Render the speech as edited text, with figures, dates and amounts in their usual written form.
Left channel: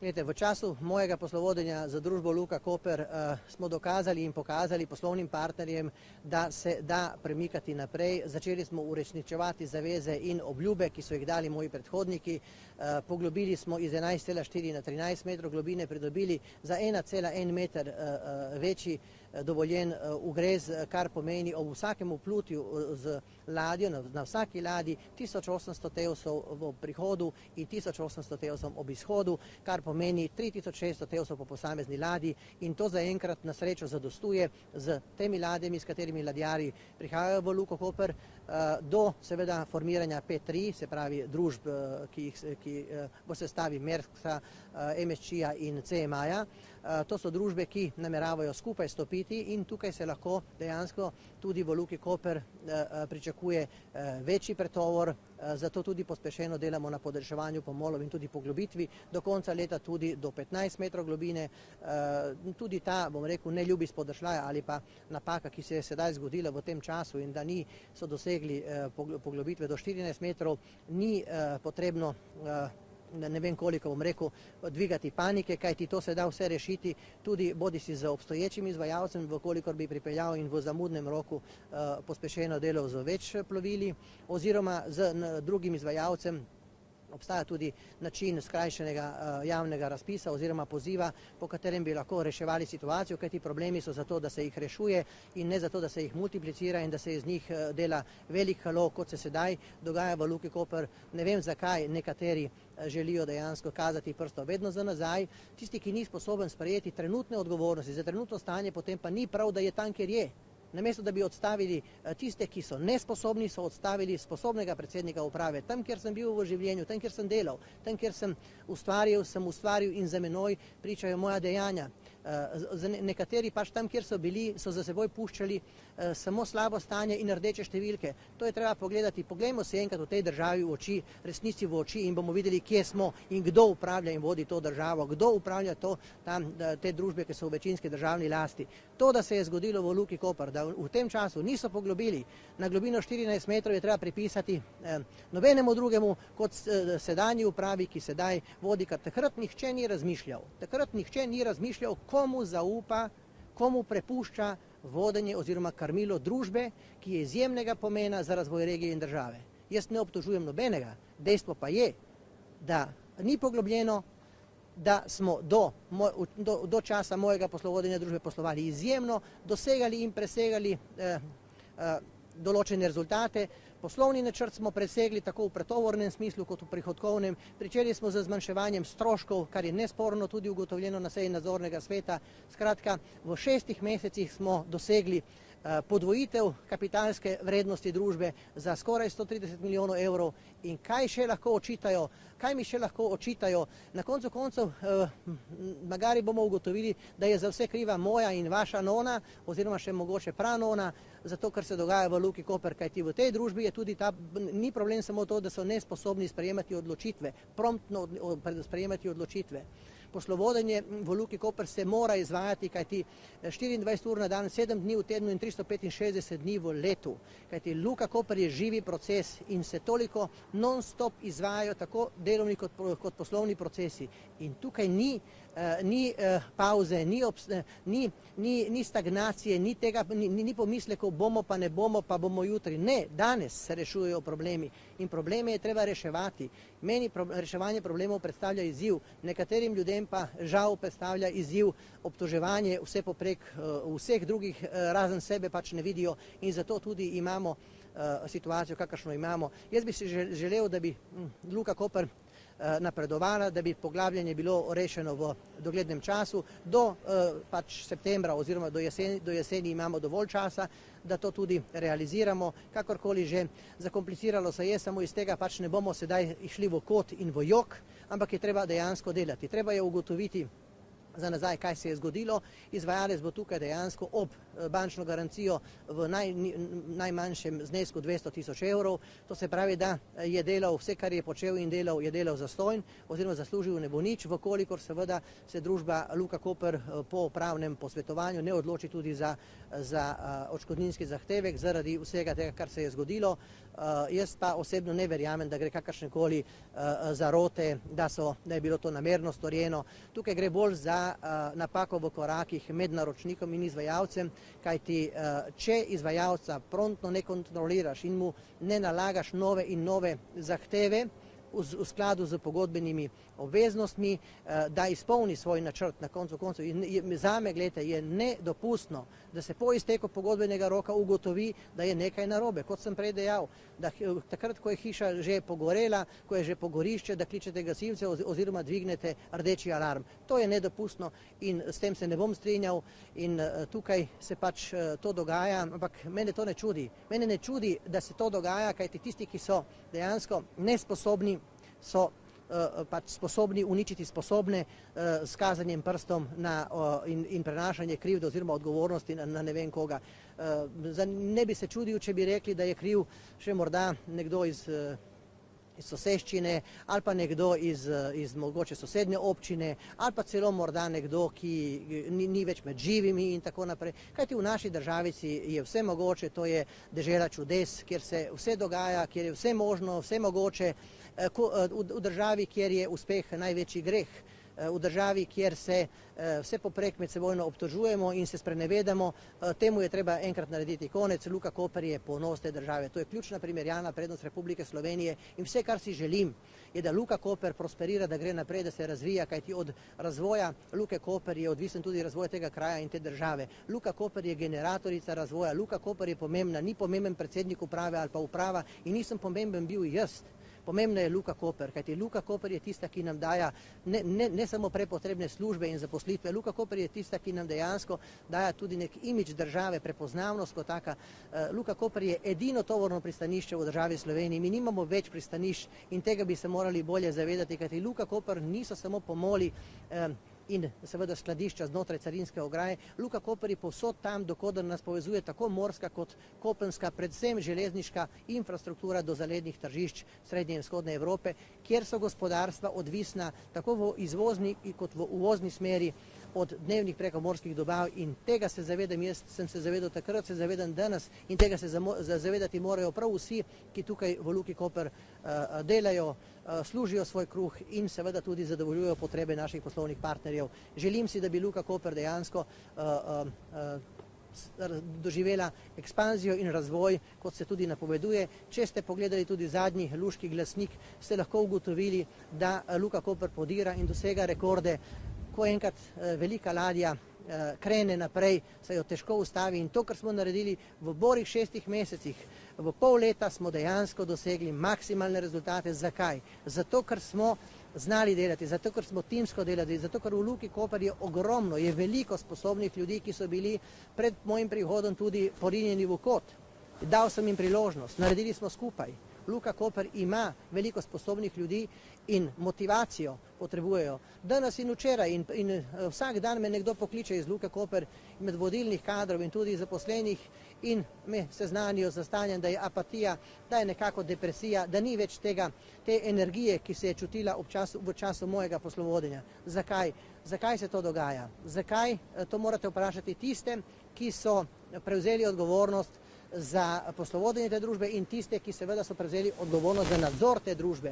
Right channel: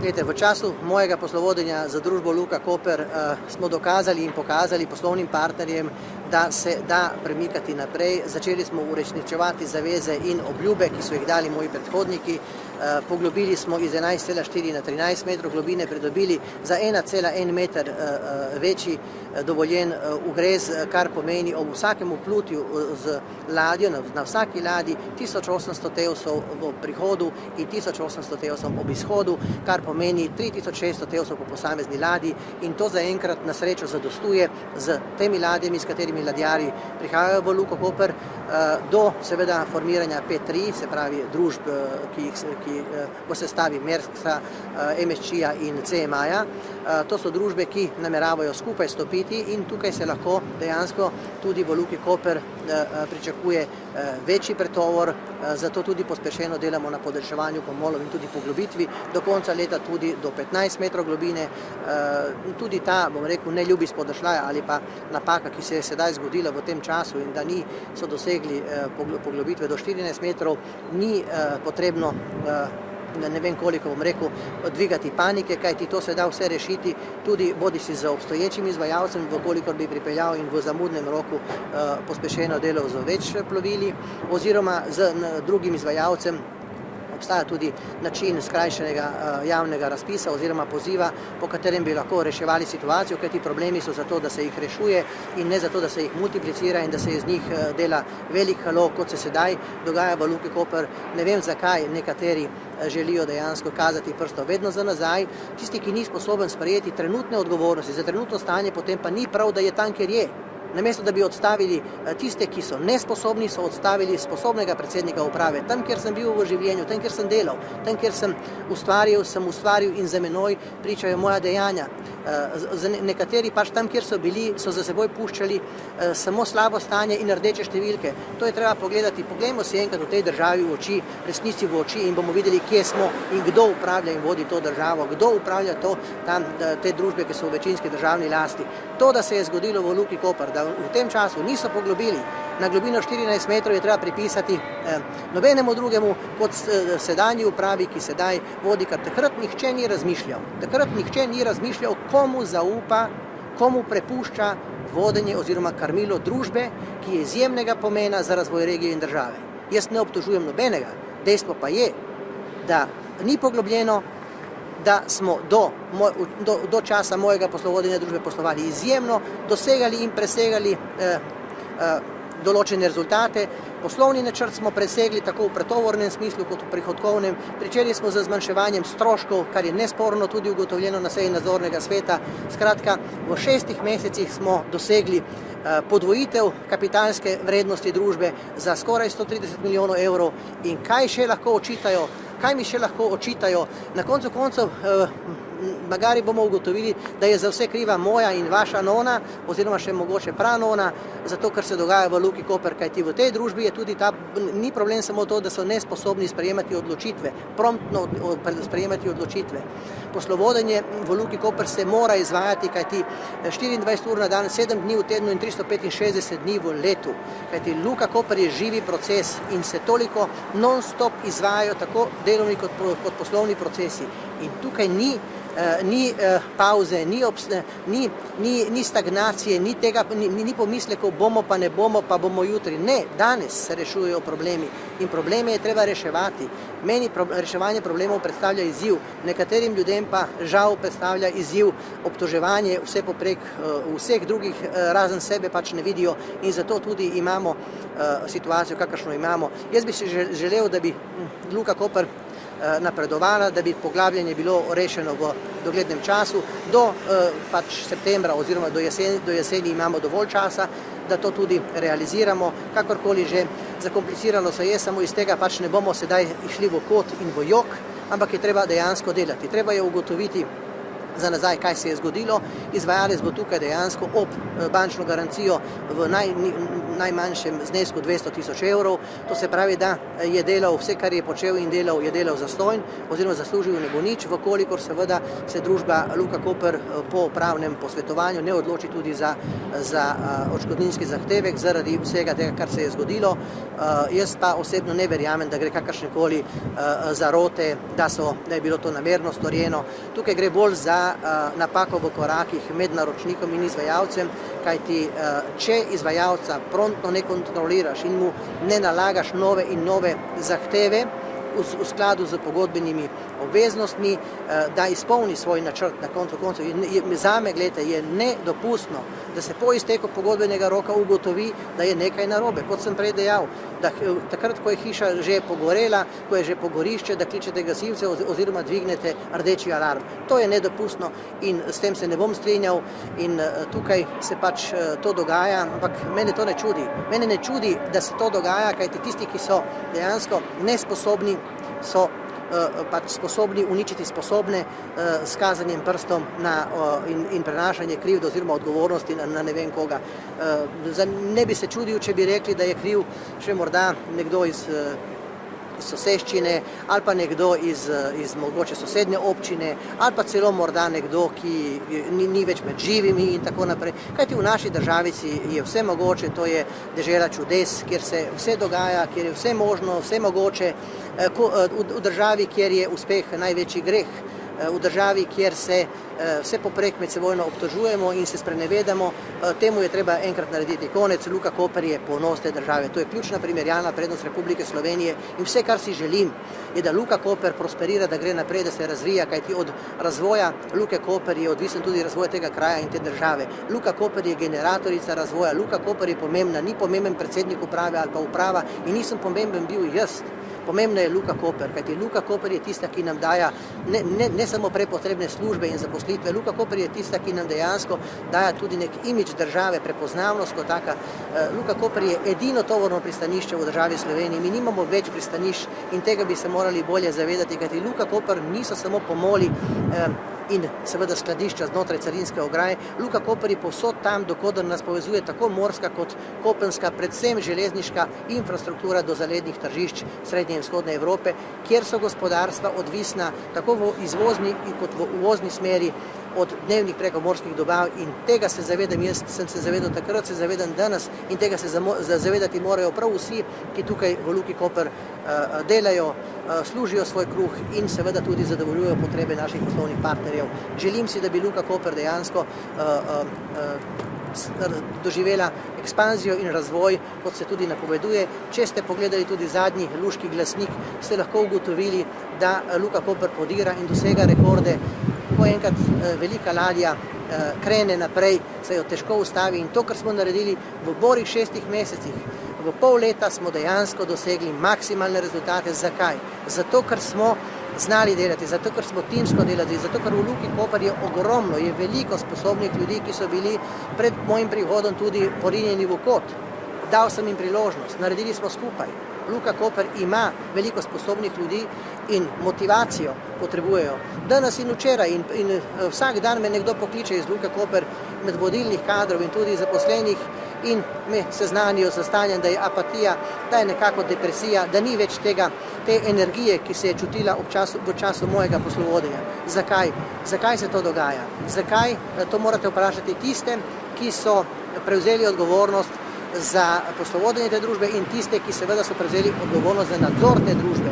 Glejte, v času mojega poslovodenja za družbo Luka Koper smo dokazali in pokazali poslovnim partnerjem, da se da premikati naprej. Začeli smo uresničevati zaveze in obljube, ki so jih dali moji predhodniki. Poglobili smo iz 11,4 na 13 metrov globine, pridobili za 1,1 meter večji dovoljen ugrez, kar pomeni ob vsakem vplutju z ladjo, na vsaki ladji 1800 tevsov v prihodu in 1800 tevsov ob izhodu, kar pomeni 3600 tevsov po posamezni ladji, in to zaenkrat na srečo zadostuje z temi ladjami, s katerimi ladjarji prihajajo v Luko Koper, do seveda formiranja P3, se pravi družb, ki po sestavi Maerska, MSC-ja in CMA-ja. To so družbe, ki nameravajo skupaj stopiti, in tukaj se lahko dejansko tudi v Luki Koper pričakuje večji pretovor, zato tudi pospešeno delamo na podaljševanju pomolov in tudi poglobitvi do konca leta tudi do 15 metrov globine. Tudi ta, bom rekel, neljubi spodršljaj ali pa napaka, ki se je sedaj zgodila v tem času in da so dosegli poglobitve do 14 metrov, ni potrebno ne vem koliko, bom rekel, dvigati panike, kajti to se da vse rešiti tudi bodisi z obstoječim izvajalcem, vkolikor bi pripeljal in v zamudnem roku pospešeno delal z več plovili, oziroma z drugim izvajalcem. Obstaja tudi način skrajšanega javnega razpisa oziroma poziva, po katerem bi lahko reševali situacijo, kajti problemi so zato, da se jih rešuje in ne zato, da se jih multiplicira in da se iz njih dela velik halo, kot se sedaj dogaja v Luki Koper. Ne vem, zakaj nekateri želijo dejansko kazati prsto vedno za nazaj. Tisti, ki ni sposoben sprejeti trenutne odgovornosti za trenutno stanje, potem pa ni prav, da je tam, kjer je. Namesto da bi odstavili tiste, ki so nesposobni, so odstavili sposobnega predsednika uprave. Tam, kjer sem bil v življenju, tam, kjer sem delal, tam, kjer sem ustvaril in za menoj pričajo moja dejanja. Nekateri pač tam, kjer so bili, so za seboj puščali samo slabo stanje in rdeče številke. To je treba pogledati. Poglejmo si enkrat v tej državi v oči, resnici v oči, in bomo videli, kje smo in kdo upravlja in vodi to državo, kdo upravlja te družbe, ki so v večinski državni lasti. To, da se je zgodilo v Luki Koper, da v tem času niso poglobili na globino 14 metrov, je treba pripisati nobenemu drugemu kot sedanji upravi, ki sedaj vodi, ker takrat nihče ni razmišljal. Takrat nihče ni razmišljal, komu zaupa, komu prepušča vodenje oziroma krmilo družbe, ki je izjemnega pomena za razvoj regije in države. Jaz ne obtožujem nobenega, dejstvo pa je, da ni poglobljeno, da smo do časa mojega poslovodenja družbe poslovali izjemno, dosegali in presegali določene rezultate. Poslovni načrt smo presegli tako v pretovornem smislu kot v prihodkovnem. Pričeli smo z zmanjševanjem stroškov, kar je nesporno tudi ugotovljeno na seji nadzornega sveta. Skratka, v 6 mesecih smo dosegli podvojitev kapitalske vrednosti družbe za skoraj 130 milijonov evrov. In kaj še lahko očitajo? Kaj mi še lahko očitajo? Na koncu koncev, magari bomo ugotovili, da je za vse kriva moja in vaša nona, oziroma še mogoče pranona, zato ker se dogaja v Luki Koper, kajti v tej družbi je tudi ni problem samo to, da so nesposobni sprejemati odločitve, promptno sprejemati odločitve. Poslovodenje v Luki Koper se mora izvajati, kajti 24 ur na dan, 7 dni v tednu in 365 dni v letu. Kajti Luka Koper je živi proces in se toliko non-stop izvajajo tako delovni kot poslovni procesi. In tukaj ni pauze, ni stagnacije, ni pomislekov, bomo pa ne bomo, pa bomo jutri. Ne, danes se rešujejo problemi in probleme je treba reševati. Meni reševanje problemov predstavlja izziv, nekaterim ljudem pa žal predstavlja izziv obtoževanje vse poprek vseh drugih, razen sebe pač ne vidijo, in zato tudi imamo situacijo, kakršno imamo. Jaz bi si želel, da bi Luka Koper napredovala, da bi poglabljanje bilo rešeno v doglednem času. Do septembra oziroma do jeseni imamo dovolj časa, da to tudi realiziramo. Kakorkoli že, zakompliciralo se je, samo iz tega pač ne bomo sedaj išli v kot in v jok, ampak je treba dejansko delati. Treba je ugotoviti, za nazaj, kaj se je zgodilo. Izvajalec bo tukaj dejansko ob bančno garancijo v najmanjšem znesku 200 tisoč evrov. To se pravi, da je delal vse, kar je počel in delal, je delal zastonj oziroma zaslužil ne bo nič, vkolikor seveda se družba Luka Koper po pravnem posvetovanju ne odloči tudi za odškodninski zahtevek zaradi vsega tega, kar se je zgodilo. Jaz pa osebno ne verjamem, da gre kakršnekoli zarote, da je bilo to namerno storjeno. Tukaj gre bolj za napako v korakih med naročnikom in izvajalcem, kajti če izvajalca promptno ne kontroliraš in mu ne nalagaš nove in nove zahteve v skladu z pogodbenimi obveznostmi, da izpolni svoj načrt na koncu koncev. Zame, gledajte, je nedopustno, da se po izteku pogodbenega roka ugotovi, da je nekaj narobe. Kot sem prej dejal, da takrat, ko je hiša že pogorela, ko je že pogorišče, da kličete gasilce oziroma dvignete rdeči alarm. To je nedopustno in s tem se ne bom strinjal in tukaj se pač to dogaja, ampak mene to ne čudi. Mene ne čudi, da se to dogaja, kajti tisti, ki so dejansko nesposobni, so pač sposobni uničiti sposobne s kazanjem prstom in prenašanje krivde oziroma odgovornosti na ne vem koga. Ne bi se čudil, če bi rekli, da je kriv še morda nekdo iz soseščine ali pa nekdo iz mogoče sosednje občine ali pa celo morda nekdo, ki ni več med živimi in tako naprej. Kajti v naši državici je vse mogoče, to je dežela čudes, kjer se vse dogaja, kjer je vse možno, vse mogoče, v državi, kjer je uspeh največji greh, v državi, kjer se vse poprek med sebojno obtožujemo in se sprenevedamo, temu je treba enkrat narediti konec. Luka Koper je ponos te države. To je ključna primerjalna prednost Republike Slovenije in vse, kar si želim, je, da Luka Koper prosperira, da gre naprej, da se razvija, kajti od razvoja Luke Koper je odvisen tudi razvoj tega kraja in te države. Luka Koper je generatorica razvoja, Luka Koper je pomembna, ni pomemben predsednik uprave ali pa uprava in nisem pomemben bil jaz. Pomembna je Luka Koper, kajti Luka Koper je tista, ki nam daja ne samo prepotrebne službe in zaposlitve, Luka Koper je tista, ki nam dejansko daja tudi nek imidž države, prepoznavnost kot taka. Luka Koper je edino tovorno pristanišče v državi Sloveniji, mi nimamo več pristanišč in tega bi se morali bolje zavedati, kajti Luka Koper niso samo pomoli in seveda skladišča znotraj carinske ograje. Luka Koper je povsod tam, dokoder nas povezuje tako morska kot kopenska, predvsem železniška infrastruktura do zalednih tržišč srednje in vzhodne Evrope, kjer so gospodarstva odvisna tako v izvozni kot v uvozni smeri od dnevnih prekomorskih dobav in tega se zavedam, jaz sem se zavedal takrat, se zavedam danes in tega se zavedati morajo prav vsi, ki tukaj v Luki Koper delajo, služijo svoj kruh in seveda tudi zadovoljujejo potrebe naših poslovnih partnerjev. Želim si, da bi Luka Koper dejansko doživela ekspanzijo in razvoj, kot se tudi napoveduje. Če ste pogledali tudi zadnji luški glasnik, ste lahko ugotovili, da Luka Koper podira in dosega rekorde. Ko enkrat velika ladja krene naprej, se jo težko ustavi in to, kar smo naredili v borih 6 mesecih, v pol leta smo dejansko dosegli maksimalne rezultate. Zakaj? Zato, ker smo znali delati, zato, ker smo timsko delali, zato, ker v Luki Koper je ogromno, je veliko sposobnih ljudi, ki so bili pred mojim prihodom tudi porinjeni v kot. Dal sem jim priložnost, naredili smo skupaj. Luka Koper ima veliko sposobnih ljudi in motivacijo potrebujejo. Danes in včeraj in vsak dan me nekdo pokliče iz Luke Koper med vodilnih kadrov in tudi zaposlenih in me seznanijo z stanjem, da je apatija, da je nekako depresija, da ni več te energije, ki se je čutila v času mojega poslovodenja. Zakaj? Zakaj se to dogaja? Zakaj? To morate vprašati tiste, ki so prevzeli odgovornost za poslovodenje te družbe in tiste, ki seveda so prevzeli odgovornost za nadzor te družbe.